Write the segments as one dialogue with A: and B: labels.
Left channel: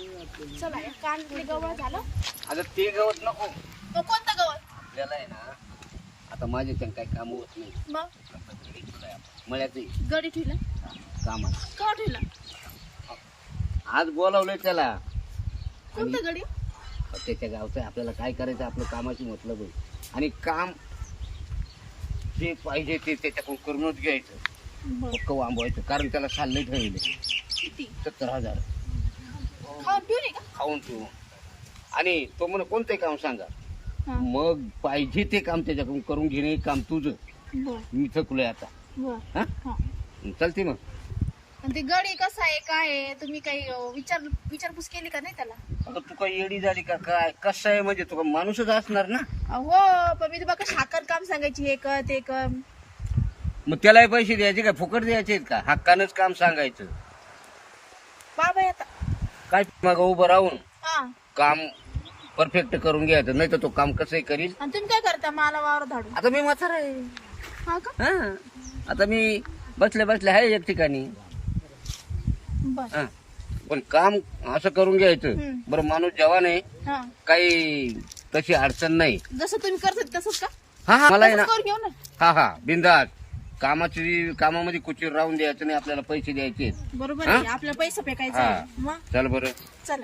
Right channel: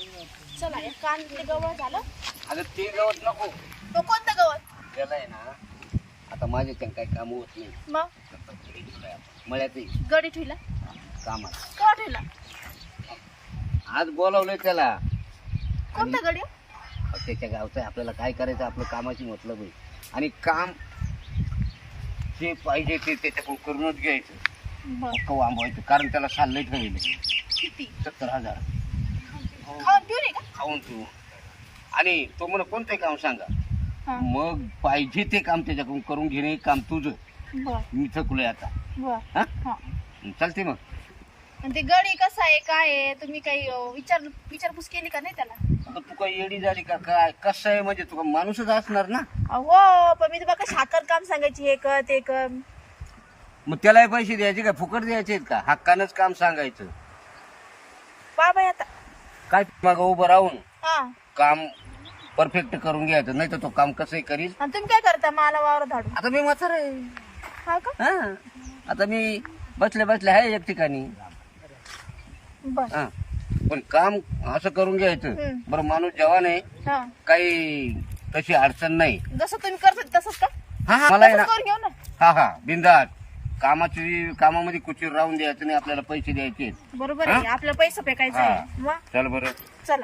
A: चला या कांद्यातले गवळ झालं.
B: अगं ते गवत नको.
A: तो कोणतं गवत?
B: आपल्याला आहे ना आता माझे पण काही काम होत नाही.
A: मग
B: मळ्यात
A: गडी ठेवला
B: कामाला
A: का ठेवला?
B: आज बोलावलंय त्याला.
A: कोणतं गडी?
B: त्याच्या गावचं आहे. आपल्याला काय करायचं आपलं कामाची मतलब आहे. आणि काम जे पाहिजे ते त्याच्याकडून करूनच घ्यायचं.
A: बर.
B: पक्क वांबवायचं कारण त्याला चाललंय ठरवलं
A: किती
B: 70,000
A: खाऊन पिऊ नये का?
B: खाऊन तू. आणि तो म्हणे कोणतं काम सांगा.
A: हा.
B: मग पाहिजे ते काम त्याच्याकडून करून घेणे काम तुझं.
A: बर
B: मी थकलोय आता.
A: बर.
B: हा
A: हा.
B: चालते मग.
A: आणि ते गडी कसा आहे काय आहे तुम्ही काही विचारपूस केली का नाही त्याला?
B: आता तू काही येडी झाली का काय कसं आहे म्हणजे तू माणूसच असणार ना.
A: हो पण मी तुम्हाला शाकर काम सांगायची हे कर ते कर.
B: मग त्यालाही पैसे द्यायचे का फुकट द्यायचे का हक्कानंच काम सांगायचं.
A: बाबा आता
B: काय मग उभं राहून
A: हा.
B: काम परफेक्ट करून घ्यायचं नाही तर तो काम कसंही करील.
A: आणि तुम्ही काय करता मला वावर धाडू?
B: आता मी म्हातारा आहे.
A: हा का?
B: हा आता मी बसल्या बसल्या आहे एक ठिकाणी.
A: बर.
B: हा पण काम असं करून घ्यायचं. बरं माणूस जवान आहे
A: हा
B: काही तशी अडचण नाही.
A: जसं तुम्ही करता तसंच का?
B: हा हा मला आहे ना.
A: तसंच करून घेऊ ना.
B: हा हा बिंदास कामामध्ये कुचीर राहून द्यायचं नाही. आपल्याला पैसे द्यायचे.
A: बरोबर आहे आपला पैसा फेकायचा
B: हा.
A: आहे. मग
B: चल बरं.
A: चला.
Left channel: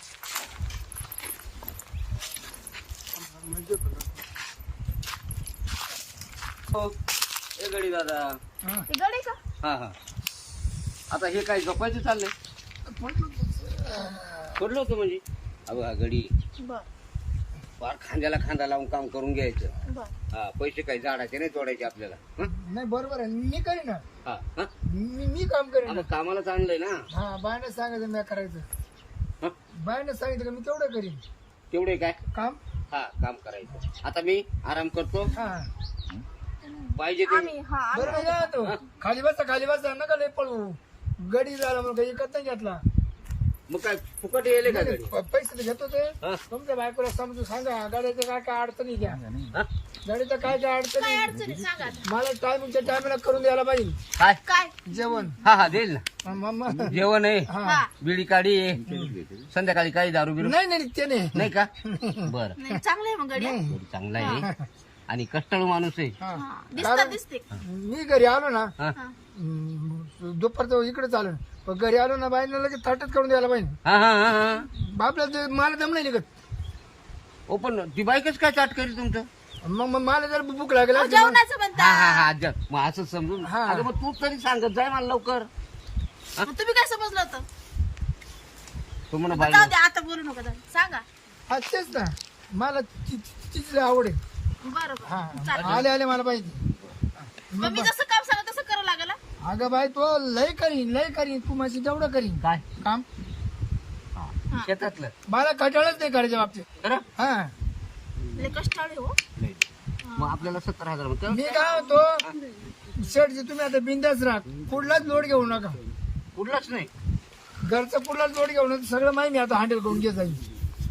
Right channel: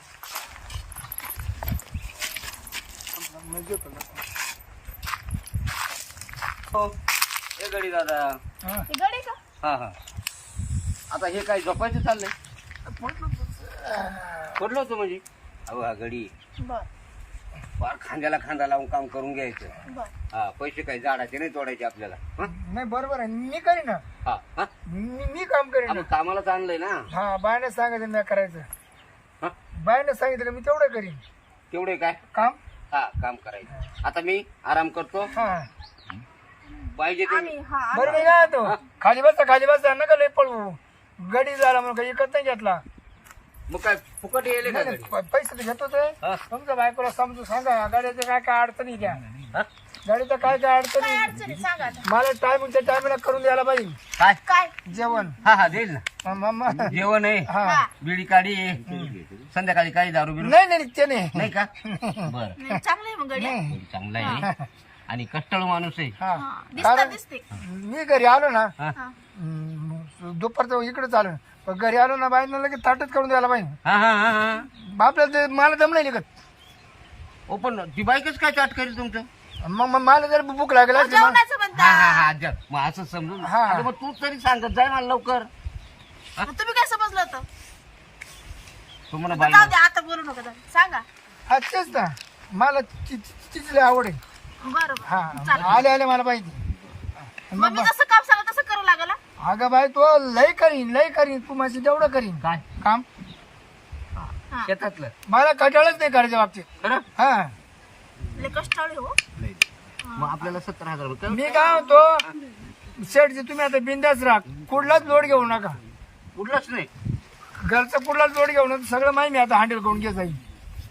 B: हो ए गडी दादा.
A: हे गडी का?
B: हा हा आता हे काय झोपायचं चाललंय. पडलो होतं म्हणजे अहो हा गडी
A: बर
B: फार खांद्याला खांदा लावून काम करून घ्यायचं.
A: बर.
B: हा पैसे काही झाडाचे नाही तोडायचे आपल्याला. हं?
C: नाही बरोबर आहे मी करीन ना.
B: हा हा
C: मी काम करीन
B: आपण कामालाच आणलंय ना.
C: हा बायने सांगायचं मी करायचं.
B: हं?
C: बायने सांगितलं मी तेवढं करीन
B: तेवढे काय
C: काम.
B: हा काम करायचं. आता मी आराम करतो.
C: हा
B: पाहिजे ते
A: आम्ही हा
C: बरोबर आहे ना. तो खाली बसता नका लय पळवू. गडी झाला म्हणून काही इकत नाही घेतला.
B: मग काय फुकट येले का
C: नाही,
B: गडी.
C: पैसे तर घेतोच आहे.
B: हा?
C: तुमच्या बायकोला समजून सांगा गाड्याच्या काय काय अडचणी घ्या.
B: हा?
C: गाडीचं काय काय
A: काय
C: अडचणी
A: अडचणी सांगा आता.
C: मला टायमिंगच्या टायमिंगला करून द्यायला पाहिजे
B: काय
A: काय?
C: जेवण.
B: हा हा देईल ना.
C: मम्मा
B: जेवण आहे
C: हा
A: हा.
B: बिडी काढी आहे संध्याकाळी काही दारू बिरू
C: नाही नाही ते नाही.
B: नाही का. बर
A: नाही, चांगलं आहे मग गडी.
C: नाही
B: चांगला आहे आणि कष्टाळू माणूस आहे.
C: हा
A: हा. दिसतात दिसते.
C: मी घरी आलो ना
B: हा
A: हा.
C: दुपारचं इकडे चालू पण घरी आलो ना बाईनं लगेच ताटच करून द्यायला पाहिजे.
B: हा हा हा हा
C: बापला ते मला दम नाही निघत.
B: ओ पण ती बाईकच काय चाट करेल तुमचं.
C: मग मला जर भूक लागेल
A: अहो,
C: असती मग-
A: जेवणाचं
B: हा
A: म्हणता.
B: हा हा मग असं समजून
C: हा.
B: अगं मग तू तरी सांगत जाय मला लवकर.
A: मग तुम्ही काय समजलं होतं?
B: तू म्हणा
A: आता
B: बाई
A: जाऊ द्या आता बोलू नका जाऊ. सांगा.
C: हा तेच ना मला तिची लय आवड आहे.
A: बरोबर
C: हा
A: चालेल.
C: आले आले मला पाहिजे.
A: मग मी जसं काम सांगा तसं करावं लागलं.
C: अगं बाई तो लय करीन तू माझी तेवढं करीन
B: काय
C: काम.
A: हा.
B: शेतातलं
C: मला कटाळच नाही करायच्या बाबतीत.
B: खरं
C: हा
A: लय कष्टाळू हो.
B: मग आपल्याला 70,000 रुपये
C: मी काय म्हणतो शेठजी तुम्ही आता बिंदास राहा कुठलाच लोड घेऊ नका.
B: कुठलाच नाही.
C: घरचा कुठलाच लोड घेऊ नका. सगळं माहिती मी आता हँडल करून घेत जाईल.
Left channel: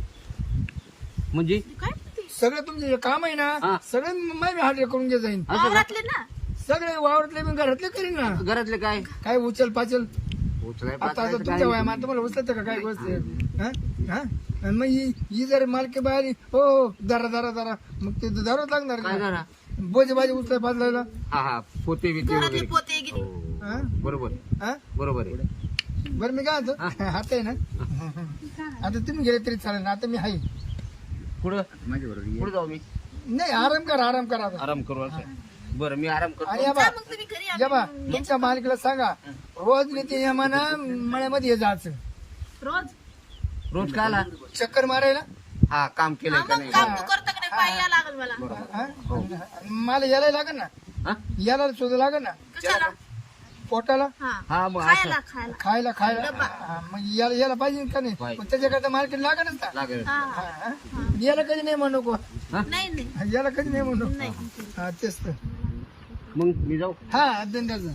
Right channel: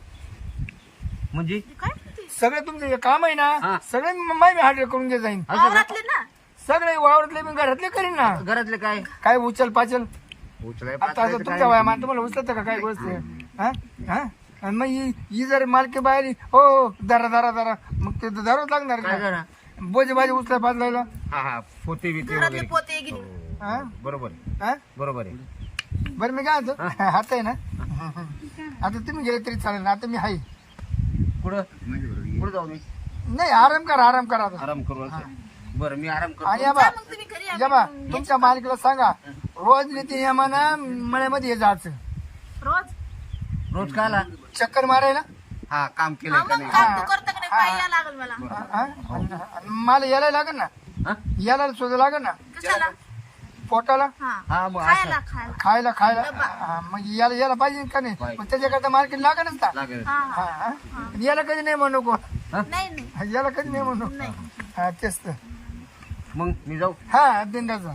B: म्हणजे
A: काय?
C: सगळे तुमचे जे काम आहे
B: हा.
C: ना सगळे माहिती हँडल करून घेत जाईन.
B: असं का?
A: वावरातले ना.
C: सगळे वावरातले मी घरातले करीन ना.
B: घरातले काय
C: काय उचल पाचल
B: उचलाय
C: आता
B: पाचलायचं
C: तुमच्या
B: काय?
C: वयामान तुम्हाला उचलत का काय गोष्ट. हा हा आणि मग ही जर मालकी बाहेर हो दरा दरा दरा मग ते धरावंच लागणार
B: काय
C: ना.
B: जरा
C: बोजे बाजी उचलाय पाचलायला.
B: हा हा पोते बिते
A: घरातले
B: वगैरे
A: पोते गिरी.
B: हो.
C: हा
B: बरोबर
C: हा
B: बरोबर आहे.
C: बरं मी काय म्हणतो आता आहे ना आता तुम्ही गेले तरी चालेल ना. आता मी आहे.
B: पुढं पुढं जाऊ मी
C: नाही आराम करा आता.
B: आराम करू असं. बरं मी आराम करतो.
C: आणि या बा
A: जा मग तुम्ही घरी
C: या बा
A: आम्ही
C: तुमच्या मालकीला सांगा रोज नीती यमानं मळ्यामध्ये जायचं.
A: रोज.
B: रोज का आला
C: चक्कर मारायला.
B: हा काम केलं
A: हा,
B: का
A: मग
B: नाही.
A: काम तू करता का नाही पाय या लागल मला.
C: हा? आणि मला यायला लागेल ना.
B: हा?
C: यायला सुद्धा लागेल ना
A: कशाला?
C: पोटाला
A: हा.
B: हा मग असं
A: खायला खायला.
C: खायला हा, मग यायला पाहिजे का नाही.
B: पाहिजे.
C: मग त्याच्याकरता मार्केट लागेलच ना.
B: लागेल.
A: हा
C: हा,
A: हा.
C: हा. याला कधी नाही म्हणू नको.
A: नाही नाही
C: याला कधी नाही म्हणू.
A: नाही.
C: हा तेच तर.
B: मग मी जाऊ.
C: हा बिंदाचा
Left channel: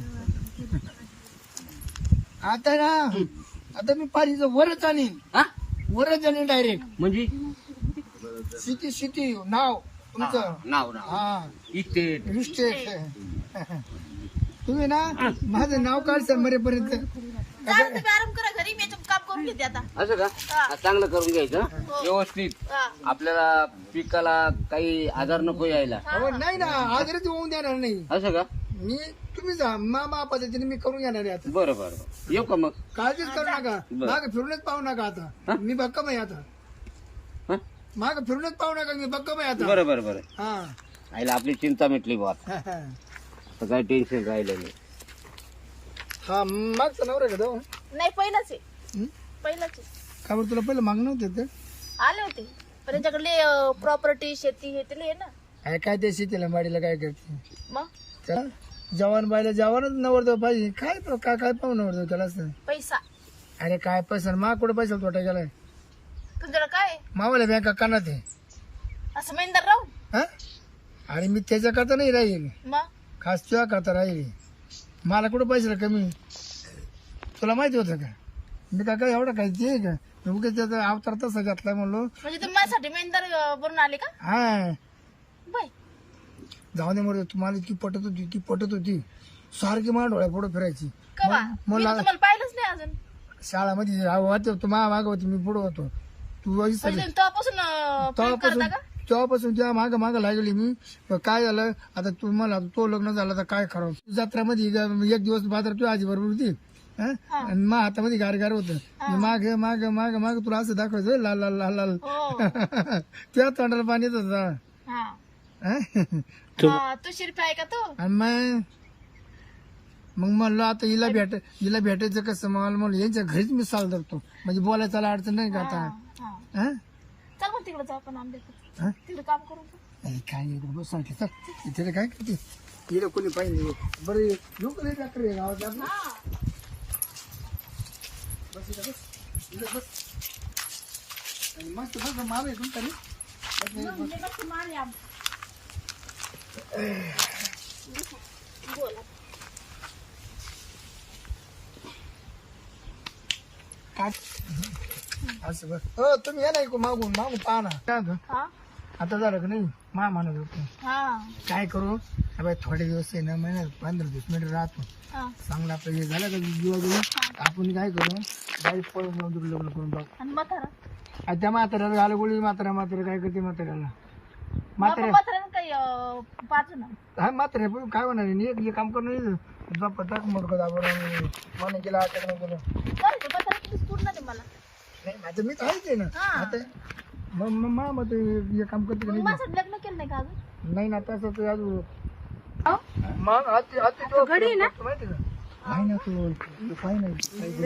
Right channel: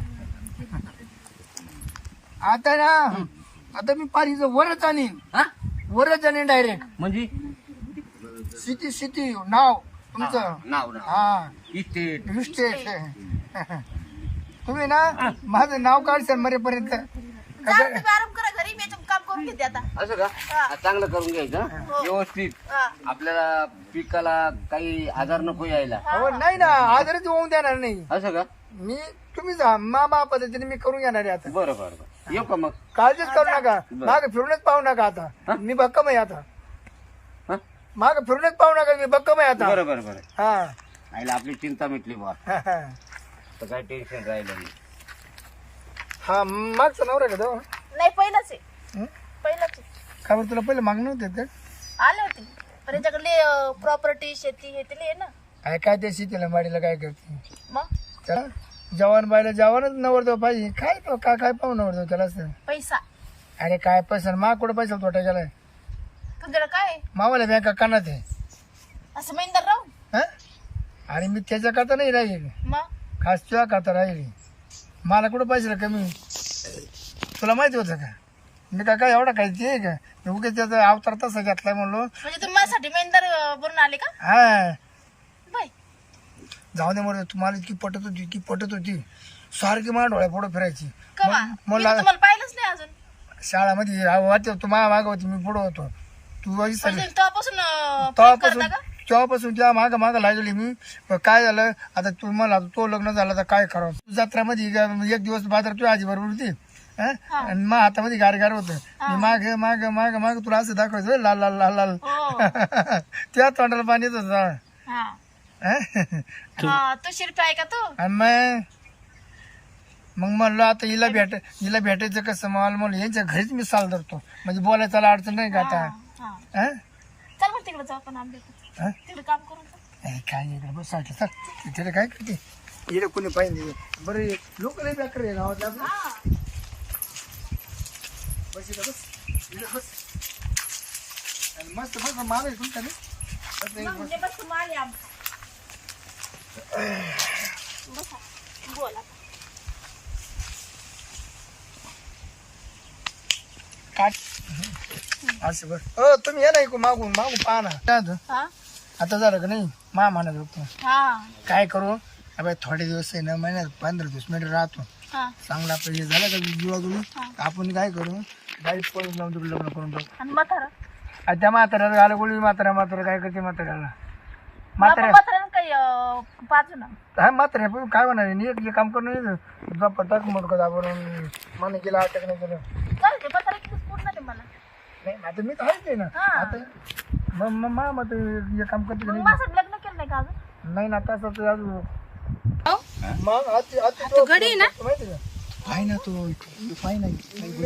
C: आता ना आता मी पारीचं वरच आणीन.
B: हा
C: वरच आणीन डायरेक्ट.
B: म्हणजे
C: सिटी नाव तुमचं.
B: नाव नाव
C: हा
B: इस्टेट
C: मिस्टेक. तुम्ही ना माझं नाव काढशाल मरेपर्यंत.
A: जा तुम्ही आराम करा घरी. तरी मी काम करून घेते आता.
B: असं का?
A: हा.
B: चांगलं करून घ्यायचं हं?
A: हो.
B: व्यवस्थित.
A: हा.
B: आपल्याला पिकाला काही आजार नको यायला.
C: अहो नाही ना आजारच होऊन देणार नाही
B: असं का?
C: मी तुम्ही जा मामा पद्धतीने मी करून येणार आहे आता.
B: बरं बरं बरं. येऊ का मग?
C: काळजीच करू नका
B: बरं.
C: माग फिरूनच पाहू नका आता मी भक्कम आहे आता
B: हं?
C: माग फिरूनच पाहू नका मी भक्कम आहे आता.
B: बरं बरं बरं.
C: हा
B: आईला आपली चिंता मिटली बुवा.
C: हा, हा.
B: तर काही टेन्शन राहिलं नाही.
C: हा मागचा नवरा का तो
A: नाही पहिलंच आहे.
C: हं?
A: पहिलंच आहे.
C: का बरं तुला पहिलं मागणं होते का
A: आले होते पण त्यांच्याकडले प्रॉपर्टी शेती हे ते आहे ना.
C: काय त्या शेतीला माडीला काय करते
A: मग
C: चला जवान बायला जवानच नवरदेव पाहिजे काय तो काय काय पाहू नवरदेव त्याला असं
A: पैसा
C: अरे काय पैसा मा कुठं पैसा तोटा गेलाय
A: तुमच्याकडे काय आहे?
C: मावाला बँका कानात आहे
A: असं महिंदर राहून
C: हा आणि मी त्याच्या करता नाही राहील
A: मग
C: खास तुझ्या करता राहील मला कुठं पैसा कमी तुला माहिती होतं का मी काय एवढा काय ते का मी उगाच त्याचा अवतार तसा घेतलाय म्हणलो
A: म्हणजे तुम्ही माझ्यासाठी महिंदर बनून आले का?
C: हा
A: बाय
C: जाऊ दे मरे तुम्हाला इतकी पटत होती सारखी मला डोळ्या पुढे फिरायची
A: कवा मी
C: मला
A: तुम्हाला पाहिलंच नाही अजून.
C: शाळामध्ये वाटते तू माझ्या मागं होती मी पुढे होतो तू
A: म्हणजे तेव्हापासून प्रेम
C: तेव्हापासून
A: करता का?
C: तेव्हापासून त्या मागं लागली मी पण काय झालं आता तू मला तो लग्न झालं तर काय करावं जत्रामध्ये एक दिवस बाजार तुझ्या आजी बरोबर होती हं? आणि मग हातामध्ये गार होतं मी माग माग माग माग तुला असं दाखवायचं लाल लाल लाल लाल
A: हो.
C: त्या तोंडाला पाणी येत होतं.
A: हा.
C: हं?
A: हा, तू शिरपी आहे का तू?
C: आणि मग म्हणलं आता हिला भेटायचं कसं मला म्हणलं यांच्या घरीच मी साल धरतो म्हणजे बोलायला अडचण नाही का आता
A: हा.
C: हं?
A: चल मग तिकडे जाऊ आपण आंबे
C: हं?
A: तिकडे काम करून जाऊ.
C: अरे काय इकडे बस चल तिथे काय करते इकडे कोणी पाहिजे बरं लोक नाही बेकार आहे गावात आपलं.
A: हा.
C: बस इकडे बस इकडे बस आणि मस्त बस माल आहे तुमचा नाही
A: मग म्हणजे बस माले आम बसा. बोल आता.
C: काट असं बस हो तुम्ही या ना मागून पाहा ना काय होतं?
A: हा.
C: आता झालं का नाही मा म्हणत होतो
A: हा.
C: काय करू अबे थोडे दिवस आहे ना महिन्यात 15-20 मिनिट राहतो
A: हा.
C: चांगलं आपलं हे झालं का जीवागुळी आपण काय करू गाडी पळून जाऊन तिकडे लग्न करून टाकू
A: आणि म्हातारा
C: आणि त्या म्हाताऱ्याला घाला गोळी म्हातारा काय करते म्हाताऱ्याला म्हाताऱ्या
A: म्हातारा काही पाचू ना.
C: हा म्हाताऱ्या पण काय होणार आहे एक काम करून पटाक मोठं दाबून मला गेला अटक नाही केलं
A: चालेल ते म्हातारा किती पूर्ण ते मला.
C: नाही आता मी तर आहेच आहे ना
A: हा.
C: आता मग हे काम करते का
A: मग
C: नाही
A: माझं लग्न केलं नाही का अजून?
C: नाही ना तसं तर अजून मग
D: घडी ना
C: माहिती का काय ना तू काय नाही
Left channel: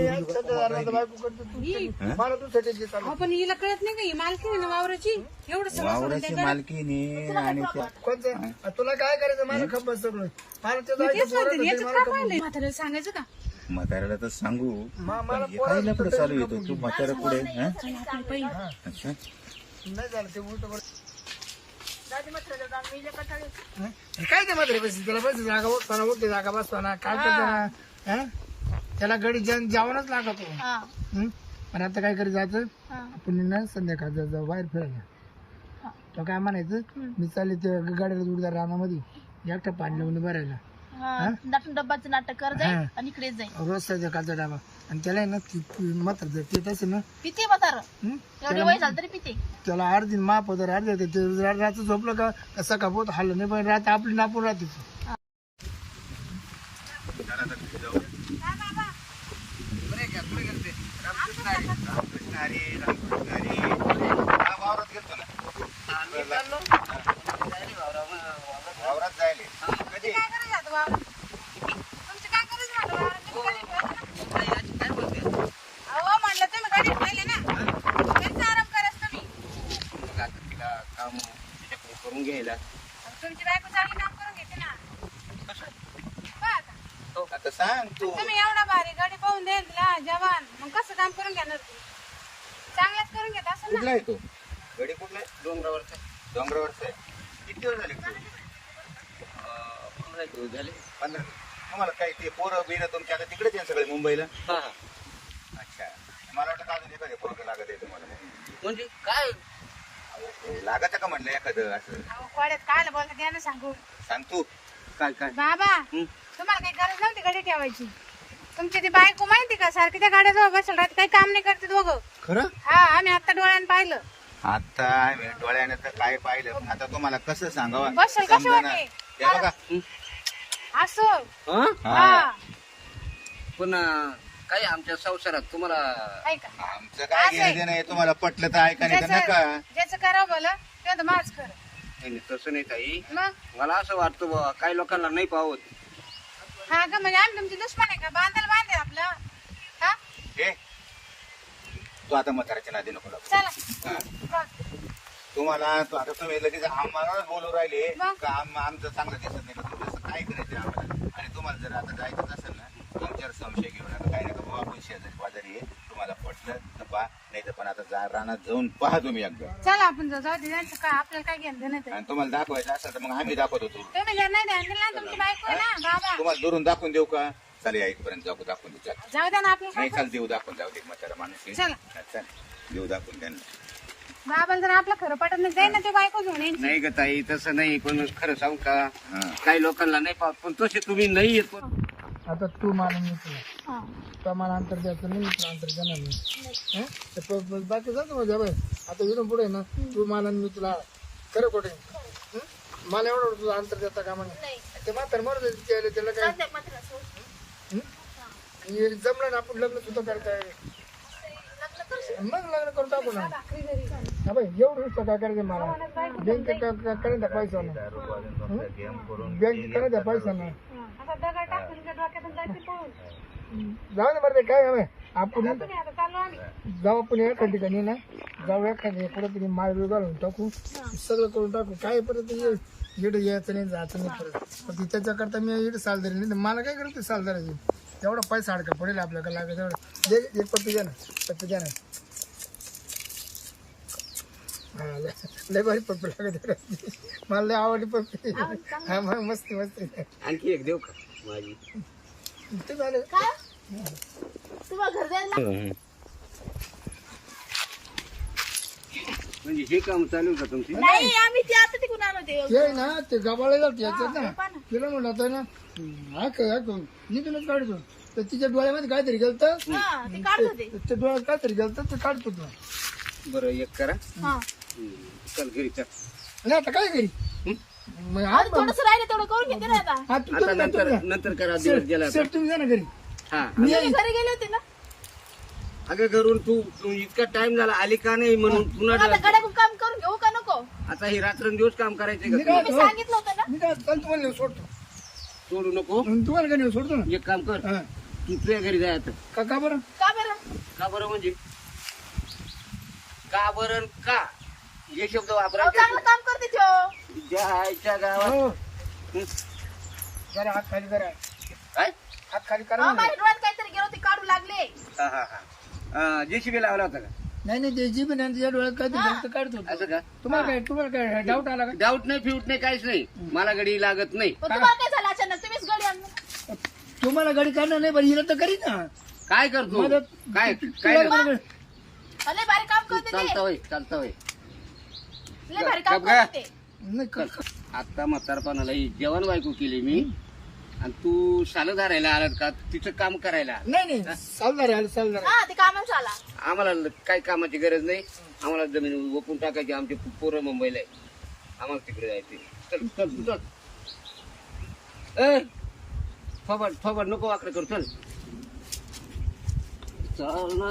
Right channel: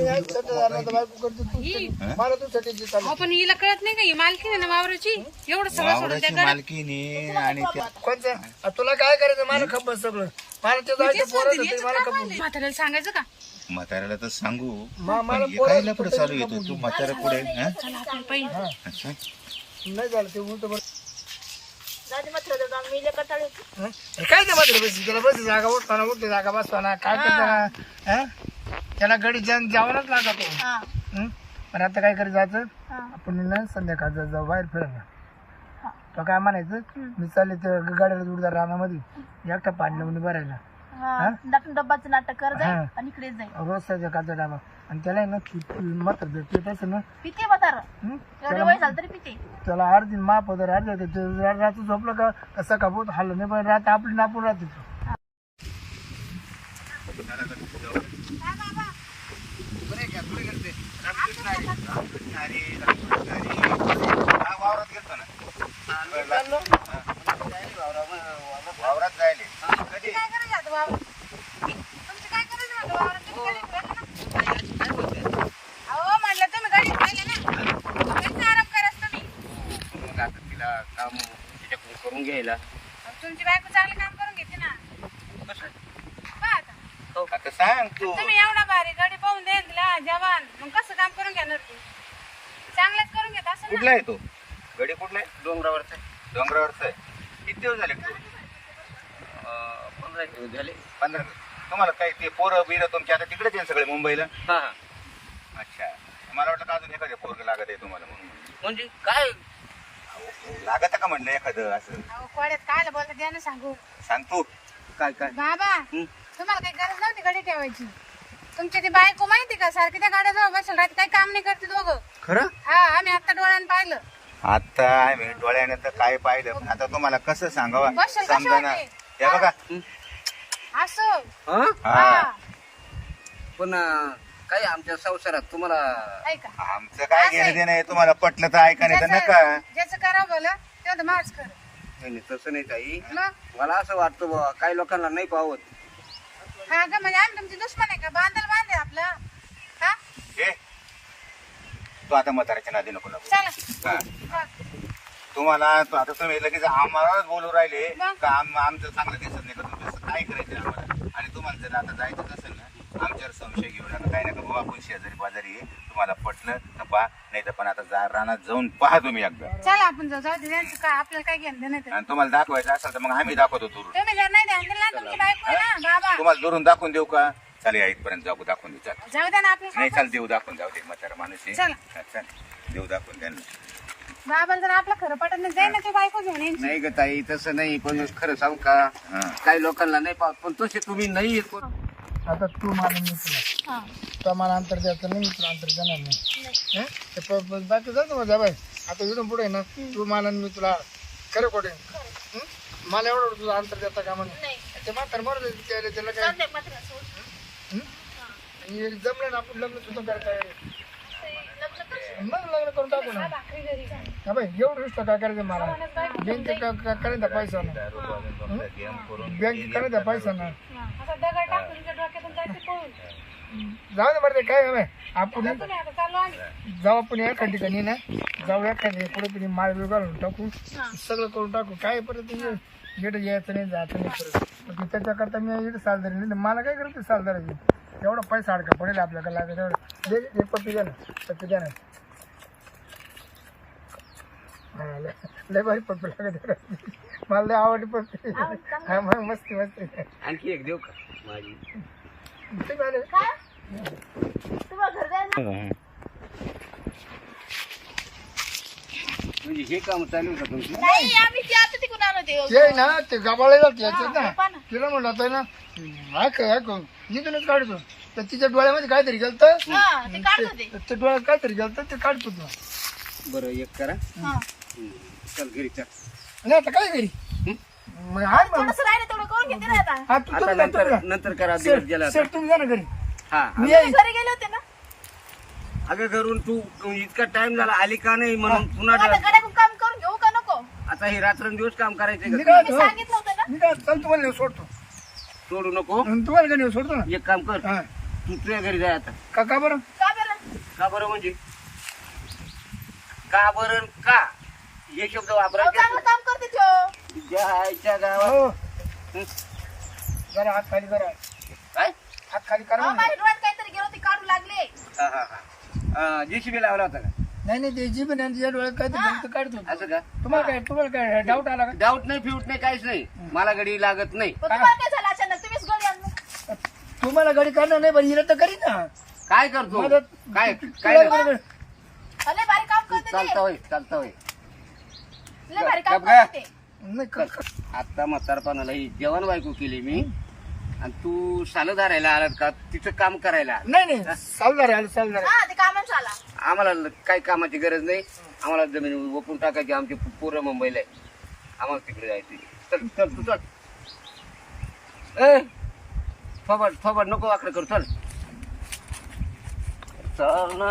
C: मला तुमच्यासाठी जे चालू
D: आपण हिला कळत नाही का ही मालकी आहे ना वावराची एवढं सगळं सोडून त्या
E: मालकीने आणि त्या
C: कोणतं तुला काय करायचं मला खबर सगळं मला ते जायचं पोरं होते, मला खबर
D: म्हाताऱ्याला सांगायचं का
E: म्हाताऱ्याला तर सांगू पण हे काय लपड चालू येतो तू म्हातारा पुढे हं?
D: चला आपण पहिले
E: अच्छा
C: नाही झालं ते उलट बरं.
A: जाऊ म्हातारा जाऊन मी लय कंटाळले.
C: हं? हे काय ते मात्र बस त्याला बस जागा उठताना उठते जागा बसताना काय करताना हं? त्याला गडी जावंच लागतो
A: हा.
C: हं? पण आता काय करायचं जायचं
A: हा.
C: आपण ना संध्याकाळ जाऊ बाहेर फिरायला
A: हा.
C: तो काय म्हणायचं मी चालले ते गाड्याला जोडदार रानामध्ये एकटा पाणी लावून भरायला
A: हा. दाटून डब्बाचं नाटक कर जाईल
C: हा.
A: आणि इकडे जाईल.
C: रोज सकाळचा डाबा आणि त्याला आहे ना मात्र जर पित असेल ना
A: पिते म्हातारा
C: हं?
A: एवढे वय झालं तरी पिते.
C: त्याला अर्धी माप होतं अर्ध्या ते रात्र झोपलं का कसं का बहुत हल्लं नाही पण रात आपली नापून राहते
E: वावरात गेलतो ना वावरात जायले कधी
B: मग आता तिला काम तिच्याकडून करून घ्यायला.
D: तुमची बायको चांगली काम करून घेते ना
E: आता सांग तू
D: तुम्ही एवढा भारी गाडी पाहून दे तिला जवान मग कसं काम करून घेणार तू चांगलंच करून घेत असं
E: कुठला आहे तो गडी कुठला आहे
B: डोंगरावरचा
E: डोंगरावरचा आहे किती दिवस झाले तू
B: 15 दिवस झाले.
E: 15 तुम्हाला काय ते पोरं बिरं तुमच्या आता तिकडेच आहे सगळे मुंबईला
B: हा.
E: अच्छा मला वाटलं का अजून एखादं पोरग लागत आहे तुम्हाला म्हणून
B: म्हणजे काय
E: लागत का म्हणलं एखादं असं
D: कोड्यात काय बोलता द्या ना सांगू
E: सांग तू
B: काय काय
D: बाबा
B: हं?
D: तुम्हाला काही गरज नव्हती गाडी ठेवायची तुमची ती बायको माहिती का सारखी त्या गाड्याजवळ बसेल राहते, काही काम नाही करते दोघं.
B: खरं
D: हा आम्ही आता डोळ्यानं पाहिलं.
E: आता आम्ही डोळ्याने तर काय पाहिलं पण आता तुम्हाला कसं सांगावं
D: बसेल
E: समजा ना.
D: कशावर
E: हे बघा
D: असं.
B: हं?
E: हा
B: पण काही आमच्या संसारात तुम्हाला
D: ऐका
E: आमचं काय घेणं देणं आहे तुम्हाला पटलं तर ऐका नाही तर नका.
D: ज्याचं करा बोला तेव्हा माझ कर.
B: नाही नाही, तसं नाही ताई.
D: मग
B: मला असं वाटतं बुवा, काही लोकांना नाही पावत.
D: हा का म्हणजे आम्ही तुमची दुश्मन आहे का? बांधायला बांधे आपलं. हा
E: हे तू आता म्हाताऱ्याच्या नादी नको लागू.
D: चला
E: हा.
D: चला.
E: तुम्हाला आता तुम्ही लगेच आम्हालाच बोलू राहिले
D: मग?
E: का आमचं चांगलं दिसत नाही का तुम्ही असं काय करायचं आम्हाला. आणि तुम्हाला जर आता जायचं असेल ना आमच्यावर संशय घेऊ नका काय नका बाबा आपण शेजारी पाजारी आहे तुम्हाला पटलं तर पहा नाही तर पण आता रानात जाऊन पहा तुम्ही एकदा.
D: चला आपण जाऊ दे त्यांचं काय आपल्याला काय घेणं देणं ते.
E: आणि तुम्हाला दाखवायचं असेल तर मग आम्ही दाखवतो दुरून.
D: तुम्ही जर नाही ध्यान दिलं ना तुमची बायको आहे ना बाबा.
E: तुम्हाला दुरून दाखवून देऊ का चालेल इथपर्यंत जाऊ दाखवून देऊ चल.
D: जाऊ द्या ना आपल्या
E: नाही चाल देऊ दाखवून जाऊ दे म्हातारा माणूस आहे.
D: चला.
E: हा, चल देऊ दाखवून त्यांना.
D: बाबाला जर आपलं खरं पटत नाही जाईल ना ते बायको घेऊन येईल.
B: नाही ग ताई तसं नाही. पण खरं सांगू का
E: हा.
B: काही लोकांना नाही पावत पण तसे तुम्ही नाही येत.
C: आता तू मला मी तुला
A: हा.
C: तो मला अंतर द्यायचं नाही, मी तुला अंतर देणार नाही. हं? ते बाकी जातो माझ्या बाय. आता इथून पुढे ना तू मला आणि मी तुला खरं खोटे मला एवढं तुला अंतर देता का म्हणून
A: नाही.
C: ते म्हातार मरत त्याला काय.
A: जाऊ दे, मात्र सोड.
C: हं? आणि जमलं ना आपण लग्न सुद्धा करता येईल.
A: लग्न करशील?
C: मग लग्न करून टाकू ना.
D: भाकरी घरी जा.
C: हा बाई एवढं रिस्क काय करायचं मला बँक करायचा पैसा ना बँक करायचा पैसा ना
D: आता दगड टाकून तुमच्या डोक्यातून जायचं पळून.
C: जाऊ दे बरं काय हवंय आपण
D: तुम्ही आता चाललो आम्ही.
C: जाऊ आपण एका ठिकाणी ना जाऊ एका कुठेतरी माळ बिळ घालून टाकू सगळं करून टाकू काय परत इकडे यायचं नाही जायचं नाही परत पण त्याच्याकरता मी इकडे सालदारी नाही तर मला काय करते सालदाराची एवढा पैसा अडका पडेल आपल्याकडे लागत एवढं एक पप्पी द्या ना पप्पी द्या ना हा लय भारी पप्पी लागत मला लय आवडली पप्पी हा मग मस्ती मस्ती
B: आणखी एक देऊ का माझी.
C: तुम्ही आले
A: काय? तुम्हाला घर जायला
B: म्हणजे हे काम चालू का तुमची.
A: नाही आम्ही ते आता तिकडून आलो ते
C: ते ना ते गावाला जात याच्यात ना
A: पहा ना.
C: तिला म्हणलं होतं ना ऐक इथूनच काढतो तर तिच्या डोळ्यामध्ये काहीतरी गेलं
A: हा ते काढत होते.
C: ते डोळ्यात काहीतरी गेलं ते काढतो तुला
B: बरं एक करा.
A: हा.
B: चल घरी चल.
C: आणि आता काय करी मग हा मग
A: थोडस राहिलं तेवढं करून घेते ना आता.
C: हा, तू
B: आता
C: तुम्ही
B: नंतर
C: जा.
B: नंतर करा दिवस गेला आता.
C: सेट तुम्ही जा ना घरी
B: हा
C: मी येईन.
A: घरी गेले होते ना.
B: अगं घरून तू इतका टाइम झाला आली का नाही म्हणून
A: मग
B: पुन्हा
A: आता गड्याकडून काम करून घेऊ का नको?
B: आता हे रात्रंदिवस काम करायचंय
C: मी
B: का
C: काय
B: तुला?
A: मी
C: म्हणतो,
A: सांगितलं होतं ना.
C: मी काय चल तुम्हाला नेऊन सोडतो
B: सोडू नको.
C: आणि तुम्हाला काय नेऊन सोडतो ना
B: एक काम कर
C: हा
B: तू तुझ्या घरी जाय आता.
C: का बरं
A: का बरं?
B: का बरं म्हणजे का बरं का हे शब्द
A: अहो,
B: वापरायचे
A: चांगलं काम करते तो.
B: जायच्या गावात.
C: हो
B: हं?
C: जरा हात खाली करा
B: काय
C: हात खाली करा
A: अहो,
C: ना.
A: माझ्या डोळ्यात काहीतरी गेलो ते काढू लागले.
B: हा हा हा JCB लावला होता का
C: नाही नाही ते जीभ नाही तिच्या डोळ्यात काहीतरी गेलं तर काढतो
B: असं का.
C: तुम्हाला काय डाऊट आला का
B: डाऊट नाही फिऊट नाही काहीच नाही मला गडी लागत नाही.
A: पण तुम्हाला काय झालं अचानक? तुम्हीच गडी आणलं.
C: तुम्हाला गाडी काढणार नाही पण हिला तर करी ना
B: काय करतो
C: माझं-
B: काय
C: तुला
B: काय
C: बरोबर.
A: लय भारी काम करते
B: चालता
A: ते.
B: होय चालता होय.
A: लय भारी काम
B: गप गा.
A: करते ते.
C: नाही क-
B: आता म्हातारपणाला ही जेवण बायको केली मी आणि तू सालं धरायला आलात का तिचं काम करायला आला.
C: नाही चालणार आहे चालणार आहे.
A: हा ते कामाच आला.
B: आम्हाला काही कामाची गरज नाही. आम्हाला जमीन ओपून टाकायची. आमचे पोरं मुंबईला आहे. आम्हाला तिकडे जायचे. चल चल तू चल. ए फबड नको वाकडं करू चल. चल ना.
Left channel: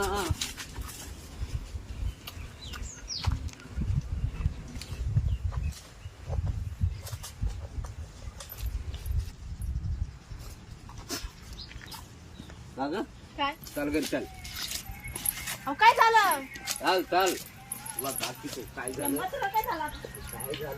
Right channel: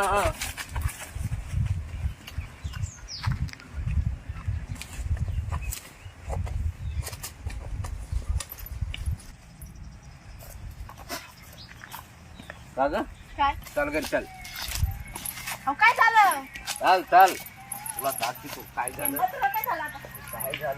B: का ग
A: काय?
B: चल घरी चल.
A: अहो, काय झालं?
B: चाल चाल तुला दाखवतो काय झालं.
A: तुला काय झालं आता?
B: काय झालं